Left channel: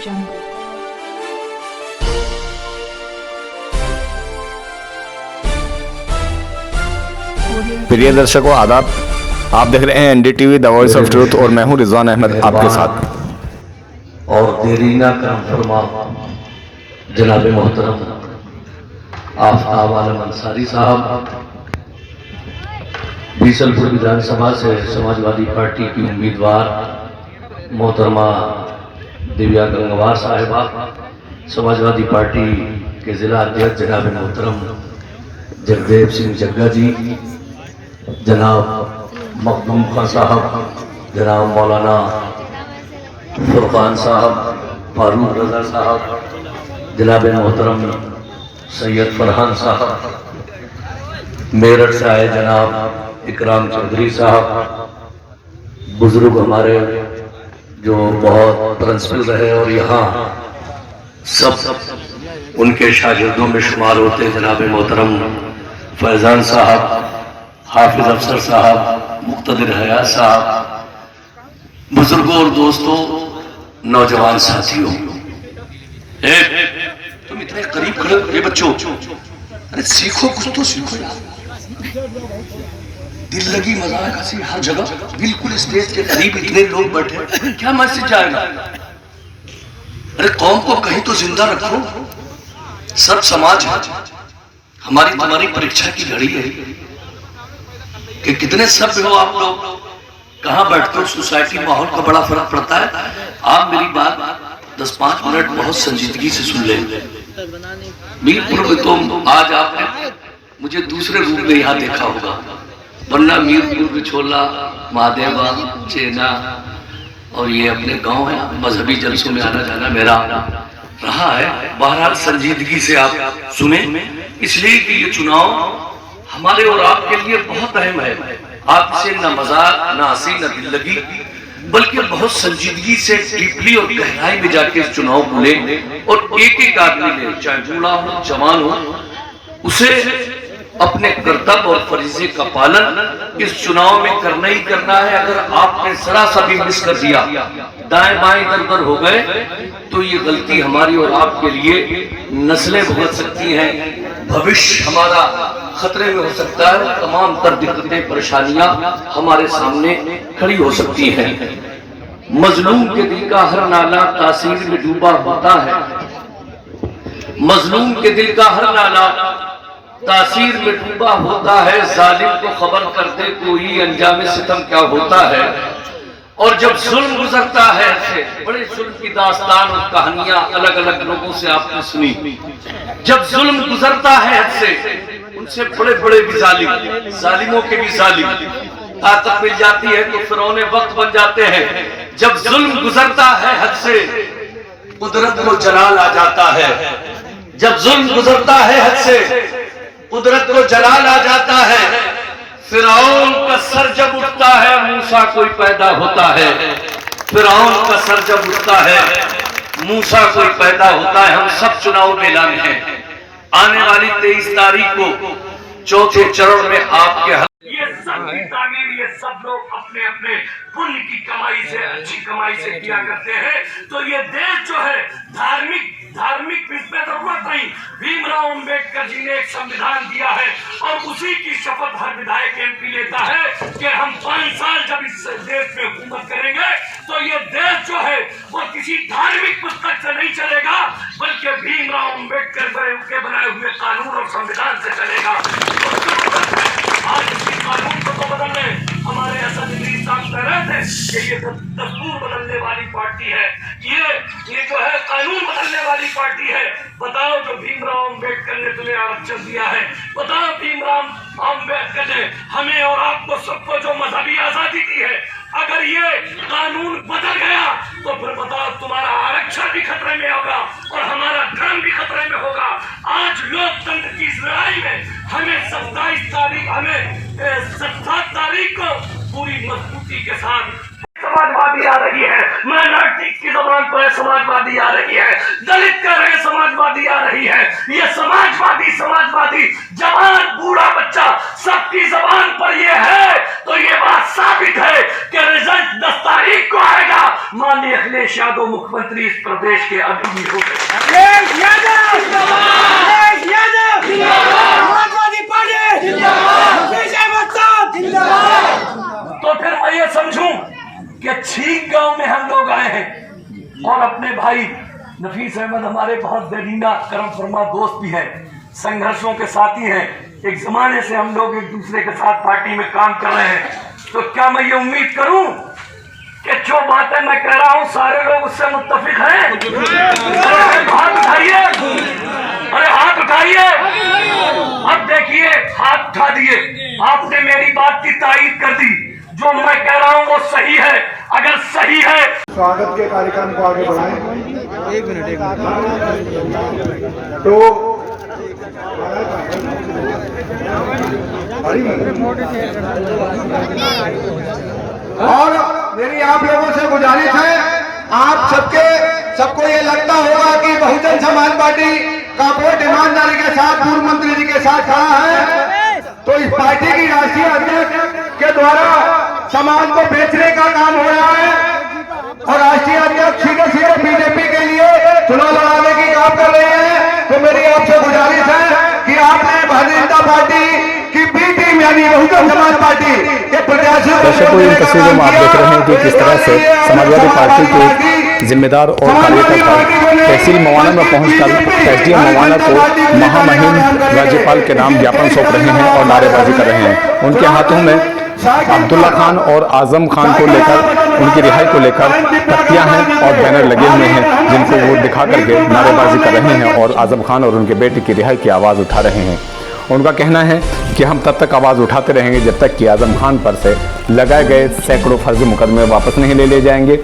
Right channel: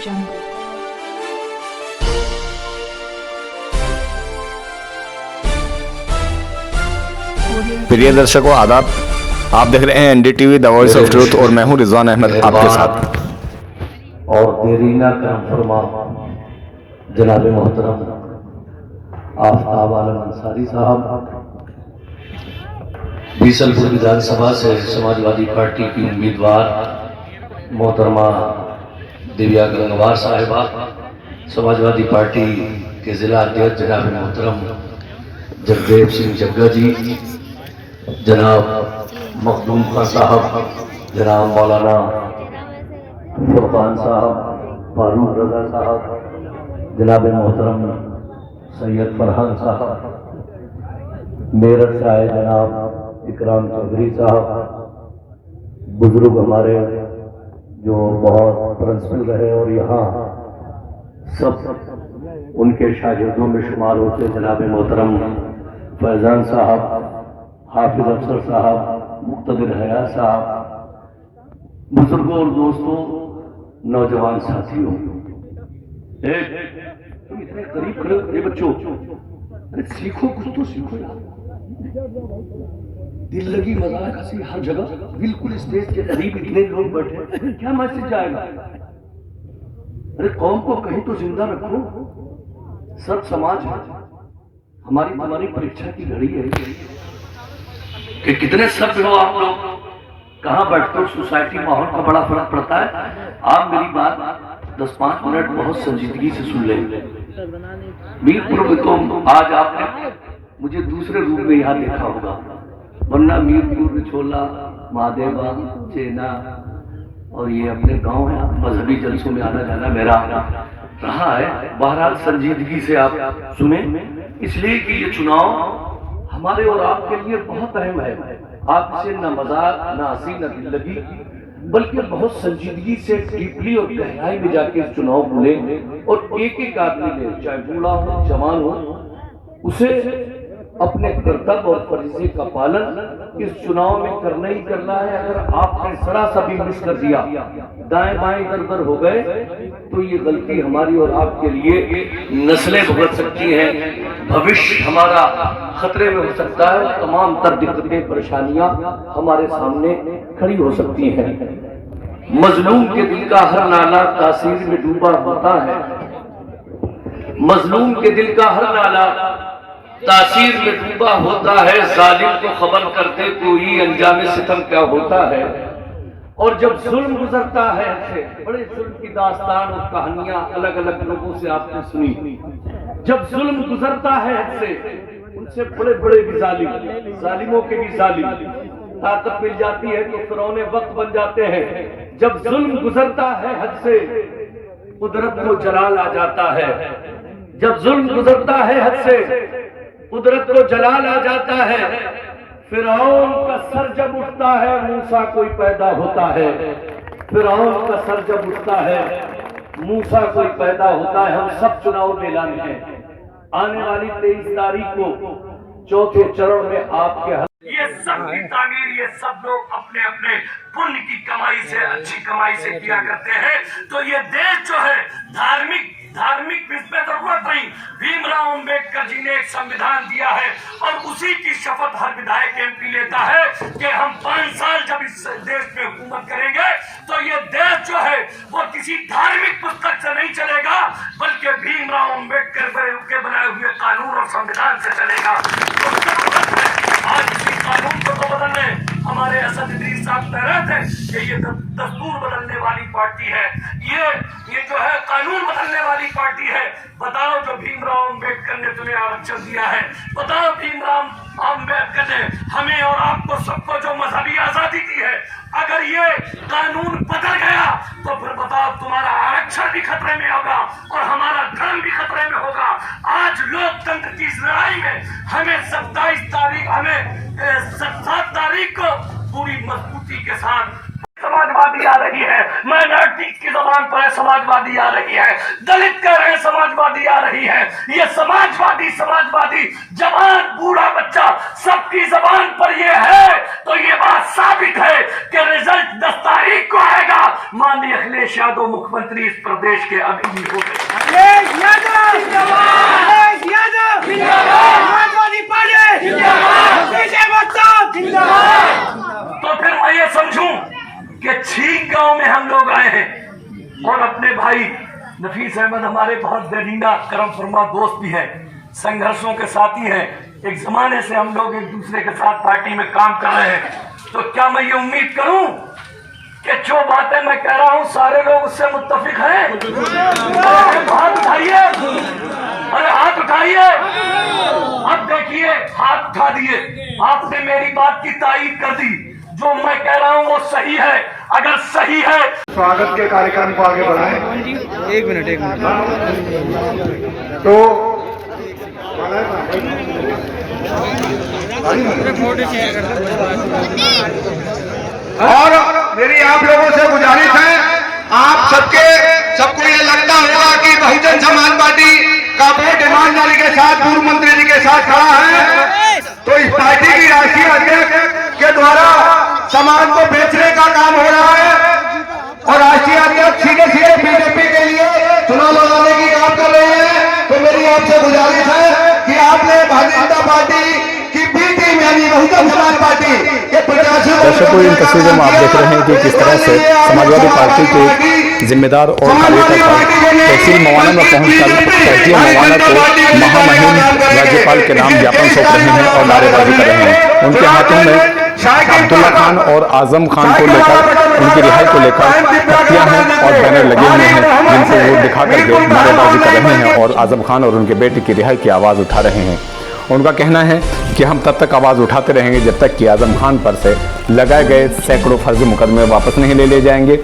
jungle. प्रिय दर्शकों आदाब, आप देख रहे हैं NDTV the voice of truth और मैं हूं रिजवान अहमद आपके साथ। और देरी ना करम फरमा जनाब मोहतरम आफ्ताब आलम अंसारी साहब, बीसलपुर विधानसभा से समाजवादी पार्टी की उम्मीदवार मोहतरमा दिव्या गंगवार साहिबा, समाजवादी पार्टी के जिला अध्यक्ष जनाब मोहतरम जगदेव सिंह जग्गा जी, जनाब मखदूम खान साहब, जनाब मौलाना फुरकान साहब, फारूक रजा साहब, जनाब मोहतरम सैयद फरहान साहब, मेरठ से आए जनाब इकराम चौधरी साहब, बुजुर्ग हमारे जो बहुत प्रिंसिपल रहे और यहाँ सब उनके शागिर्दों में शुमार होते जनाब मोहतरम फैजान साहब, हाफिज अफसर साहब, मुक्तदिर हयात साहब, बुजुर्गों और दोस्तों, नौजवान साथियों, तुम इतने करीब खड़े हो बच्चों, अरे सीखो, कुछ तो सीखो यार। दिल लगी मजाक हंसी हर जगह, बिल्कुल स्टेज के करीब इतने लोग बैठे, क्या मैसेज जाएगा? अरे कौम को कहीं तो जिंदा रखो। सब समाज है, हमारी तुम्हारी परीक्षा की घड़ी है कि कितने सभ्य हो आप लोग, कहाँ बैठते हो, सोसाइटी माहौल का बड़ा फर्क पड़ता है। आप मेरी बात 10-5 मिनट बहुत संजीदगी से सुन ले। मीरपुर में तो आज आपने मुझे दूसरे रूप में यहाँ देखा होगा, वरना मीरपुर, बिछोला, महादेवा, चेना और ये अपने गांव है, मजहबी जलसों में आना जाना मेरा रहा है। बहरहाल संजीदगी से आप सुने, इसलिए कि ये चुनाव हमारे और आपके लिए बहुत अहम है। आपसे न मजाक, न हंसी, न दिल लगी, बल्कि बहुत संजीदगी से डीपली और गहराई में जाके इस चुनाव को ले और एक एक आदमी ले, चाहे बूढ़ा हो, जवान हो, उसे अपने कर्तव्य और फरीजे का पालन इस चुनाव में करना ही करना है। अगर आपने जरा सा भी मिस कर दिया, दाएं बाएं इधर उधर हो गए, तो ये गलती हमारी और आपके लिए नस्लें भुगत सकती हैं, भविष्य हमारा खतरे में हो सकता है, तमाम तर दिक्कतें परेशानियां हमारे सामने खड़ी हो सकती हैं। मजलूम के दिल का हर नाला तासीर में डूबा होता है, मजलूम के दिल का हर नाला तासीर में डूबा होता है, जालिम को खबर करते कोई अंजाम सितम क्या होता है। और जब जुल्म गुजरता है, बड़े जुल्म की दास्तान और कहानियां अलग अलग लोगों से आपने सुनी। जब जुल्म गुजरता है हद से, उनसे बड़े बड़े भी जालिम, जालिमों के भी जालिम, ताकत मिल जाती है तो फिरौने वक्त बन जाते हैं। जब जुल्म गुजरता है हद से, कुदरत को जलाल आ जाता है। जब जुल्म गुजरता है हद से, कुदरत को जलाल आ जाता है। फिरौन का सर जब उठता है, मूसा कोई पैदा होता है। फिरौन का सर जब उठता है, मूसा कोई पैदा होता है। हम सब चुनाव मैदान में हैं। आने वाली 23 तारीख को चौथे चरण में आपके ये सब की तामीर ये सब लोग अपने अपने पुण्य की कमाई से, अच्छी कमाई से किया करते हैं। तो ये देश जो है धार्मिक इसमें जरूरत नहीं। भीमराव अंबेडकर जी ने एक संविधान दिया है और उसी की शपथ हर विधायक एमपी लेता है कि हम 5 साल जब इस देश में हुकूमत करेंगे तो ये देश जो है वो किसी धार्मिक पुस्तक से नहीं चलेगा, बल्कि भीमराव अंबेडकर के बनाए हुए कानून और संविधान से चलेगा। आज इसी कानून को तो बदलने हमारे असद इदरीस साहब कह रहे थे कि ये दस्तूर बदलने वाली पार्टी है, ये जो है कानून बदलने वाली पार्टी है। बताओ, जो भीमराव अंबेडकर ने तुम्हें आरक्षण दिया है, बताओ भीमराव अंबेडकर ने हमें और आपको सबको जो मजहबी आजादी दी है, अगर ये कानून बदल गया तो फिर बताओ तुम्हारा आरक्षण भी खतरे में होगा और हमारा धर्म भी खतरे में होगा। आज लोकतंत्र की इस लड़ाई में हमें 7 तारीख को पूरी मजबूती के साथ समाजवादी आ रही है, माइनॉरिटी की जबान पर समाजवादी आ रही है, दलित कह रहे हैं समाजवादी आ रही है। ये समाजवादी जवान बूढ़ा बच्चा सबकी जबान पर ये है, तो ये बात साबित है कि रिजल्ट 10 तारीख को आएगा। माननीय अखिलेश यादव मुख्यमंत्री इस प्रदेश के अभी हो तो फिर मैं ये समझूं कि छीक गांव में हम लोग आए हैं और अपने भाई नफीस अहमद हमारे बहुत दरीना करम फरमा दोस्त भी हैं, संघर्षों के साथी हैं। एक जमाने से हम लोग एक दूसरे के साथ पार्टी में काम कर रहे हैं। तो क्या मैं ये उम्मीद करूं कि जो बातें मैं कह रहा हूं सारे लोग उससे मुत्तफिक हैं? हाथ उठाइए, अरे हाथ उठाइए। अब देखिए, हाथ उठा दिए, आपने मेरी बात की तायीद कर दी। जो मैं कह रहा हूं वो सही है। अगर सही है, स्वागत के कार्यक्रम को आगे बढ़ाएं। एक मिनट तो और मेरी आप लोगों से गुजारिश है, आप सबको ये लगता होगा कि बहुजन समाज पार्टी का वोट ईमानदारी के साथ पूर्व मंत्री जी के साथ खड़ा है। तो इस पार्टी की राष्ट्रीय अध्यक्ष के द्वारा समाज को बेचने का काम हो रहा है और राष्ट्रीय अध्यक्ष सीधे बीजेपी के लिए चुनाव लड़ाने की काम कर रहे हैं। तो मेरी आपसे गुजारिश है कि आपने भारतीय जनता पार्टी की बी टीम यानी बहुजन समाज पार्टी के प्रत्याशियों। दर्शकों, इन तस्वीरों में आप देख रहे हैं कि किस तरह से समाजवादी पार्टी के जिम्मेदार और कार्यकर्ता तहसील मवाना में पहुंचकर एसडीएम मवाना को महामहिम राज्यपाल के नाम ज्ञापन सौंप रहे हैं और नारेबाजी कर रहे हैं। उनके हाथों में अब्दुल्ला खान और आजम खान को लेकर, उनकी रिहाई को लेकर तख्तियां हैं और बैनर लगे हुए हैं, जिनको वो दिखा करके नारेबाजी कर रहे हैं और आजम खान और उनके बेटे की रिहाई की आवाज़ उठा रहे हैं। उनका कहना है कि हम तब तक आवाज़ उठाते रहेंगे जब तक कि आजम खान पर से लगाए गए सैकड़ों फर्जी मुकदमे वापस नहीं ले जाएंगे